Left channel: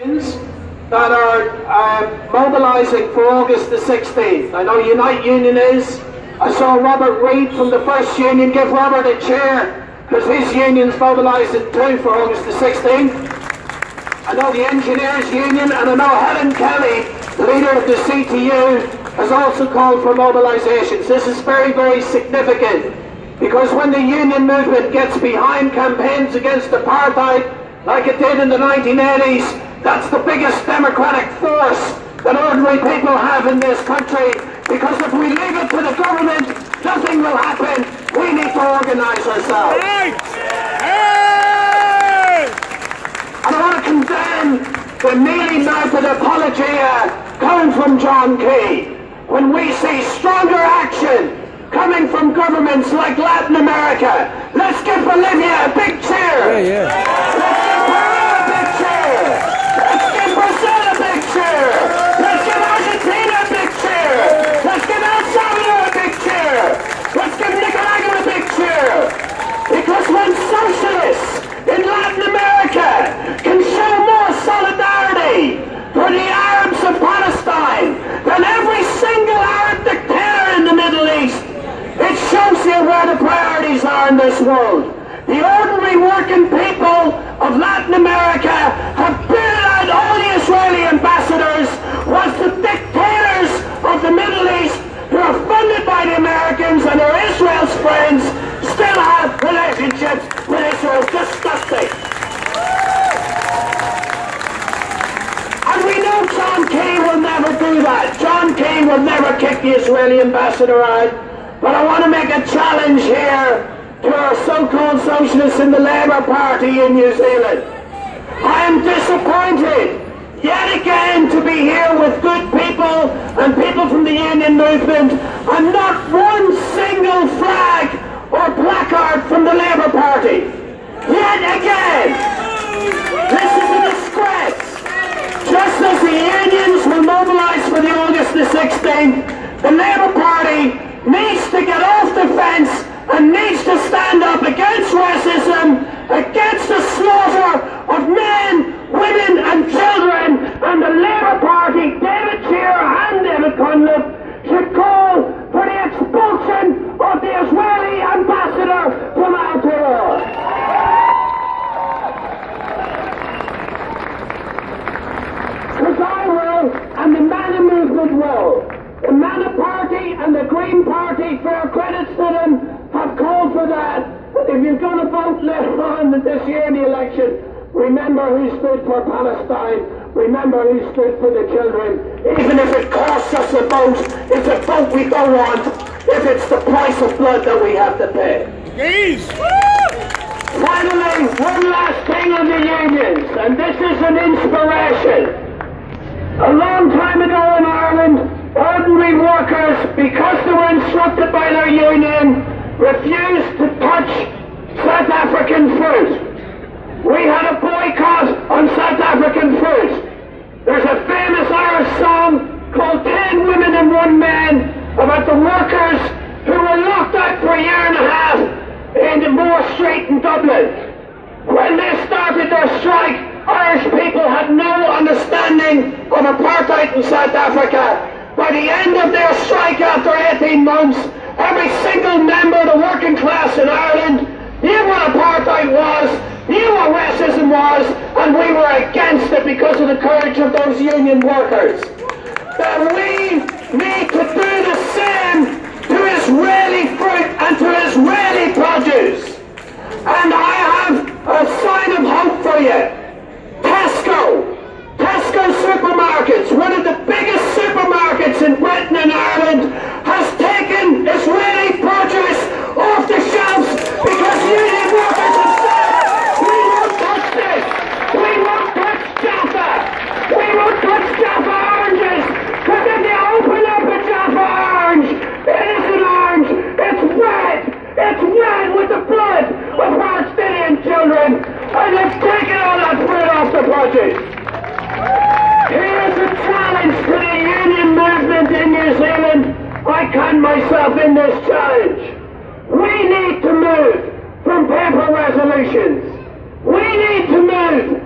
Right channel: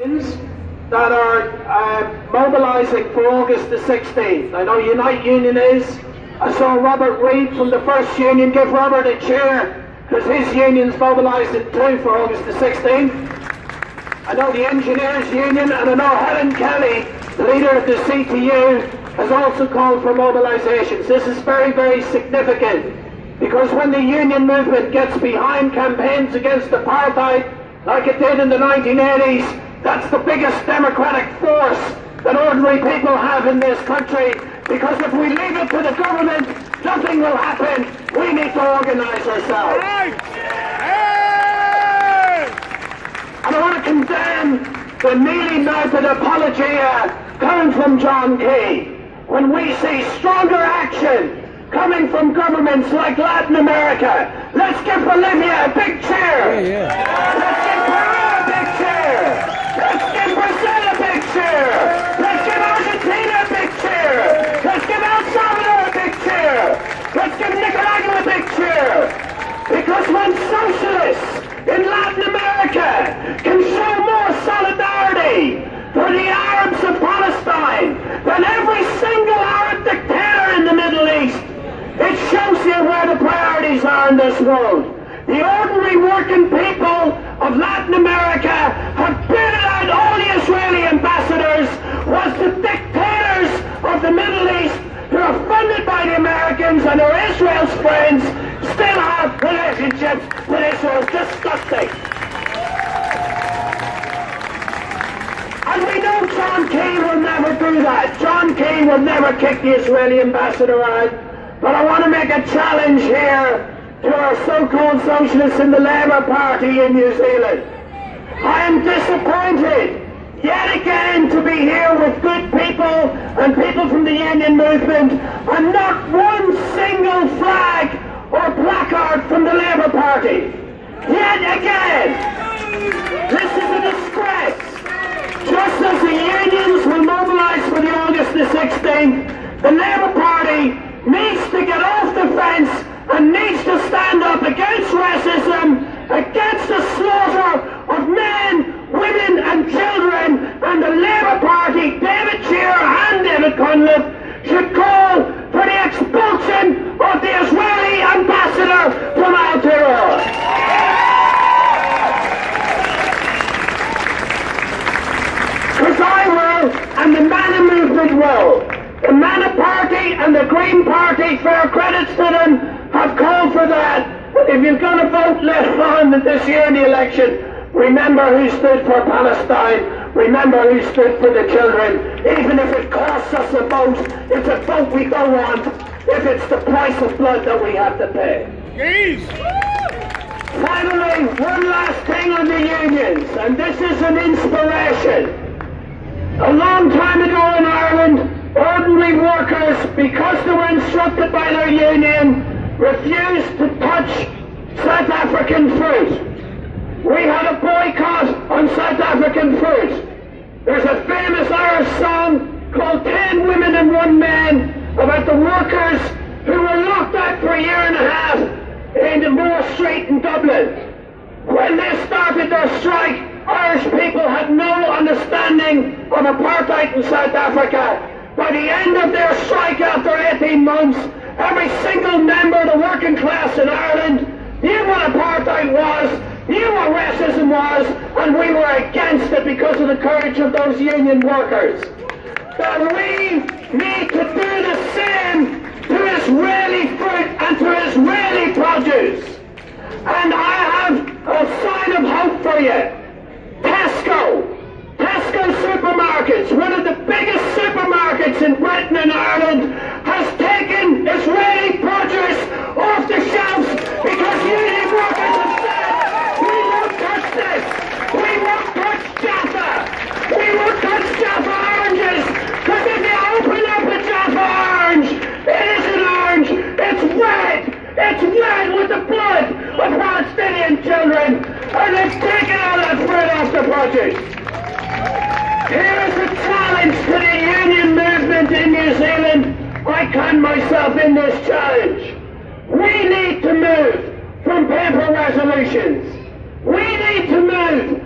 that are mobilising for August the 16th. I know Unite Union is. I saw Robert Reid from the first union. Give Robert a cheer, because his union's mobilising too for August the 16th. I know the Engineers Union, and I know Helen Kelly, the leader of the CTU, has also called for mobilisations. This is very, very significant, because when the union movement gets behind campaigns against apartheid, like it did in the 1980s, that's the biggest democratic force that ordinary people have in this country, because if we leave it to the government, nothing will happen. We need to organise ourselves. And I want to condemn the mealy-mouthed apology coming from John Key. When we see stronger action coming from governments like Latin America, let's give Bolivia a big cheer. Let's give Peru a big cheer. Let's give Brazil a big cheer. Let's give Argentina a big cheer. Let's give El Salvador a big cheer. Let's give Nicaragua a big cheer. Because when socialists in Latin America can show more solidarity for the Arabs of Palestine than every single Arab dictator in the Middle East, it shows you where the priorities are in this world. The ordinary working people of Latin America have booted out all the Israeli ambassadors, whilst the dictators of the Middle East, who are funded by the Americans and are Israel's friends, still have relationships with Israel. Disgusting. And we know John Key will never do that. John Key will never kick the Israeli ambassador out. But I want to make a challenge here to our so-called socialists in the Labour Party in New Zealand. I am disappointed yet again to be here with good people and people from the union movement, and not one single flag or placard from the Labour Party. Yet again, this is a disgrace. Just as the unions will mobilise for the August the 16th, the Labour Party needs to get off the fence and needs to stand up against racism, against the slaughter of men, women and children, and the Labour Party, David Shearer and David Cunliffe, should call for the expulsion of the Israeli ambassador from Aotearoa. Because I will, and the Mana movement will. The Mana Party and the Green Party, fair credits to them, have called for that. But if you're going to vote later on this year in the election, remember who stood for Palestine, remember who stood for the children. Even if it costs us a vote, it's a vote we don't want, if it's the price of blood that we have to pay. Jeez. Finally, one last thing on the unions, and this is an inspiration. A long time ago in Ireland, ordinary workers, because they were instructed by their union, refused to touch South African fruit. We had a boycott on South African fruit. There's a famous Irish song called 10 Women and 1 Man about the workers who were locked out for a year and a half in the Moore Street in Dublin. When they started their strike, Irish people had no understanding of apartheid in South Africa. By the end of their strike after 18 months, every single member of the working class in Ireland knew what apartheid was, knew what racism was, and we were against it because of the courage of those union workers. That we need to do the same to Israeli fruit and to Israeli produce. And I have a sign of hope for you. Tesco supermarkets, one of the biggest supermarkets in Britain and Ireland, has taken Israeli produce off the shelves because union workers have said, we won't touch this, we won't touch Jaffa, we won't touch Jaffa oranges, because if you open up a Jaffa orange, it isn't orange, it's red with the blood of Palestinian children, and they've taken all that fruit off the produce. Here is a challenge to the union movement in New Zealand. I count myself in this challenge. We need to move from paper resolutions. We need to move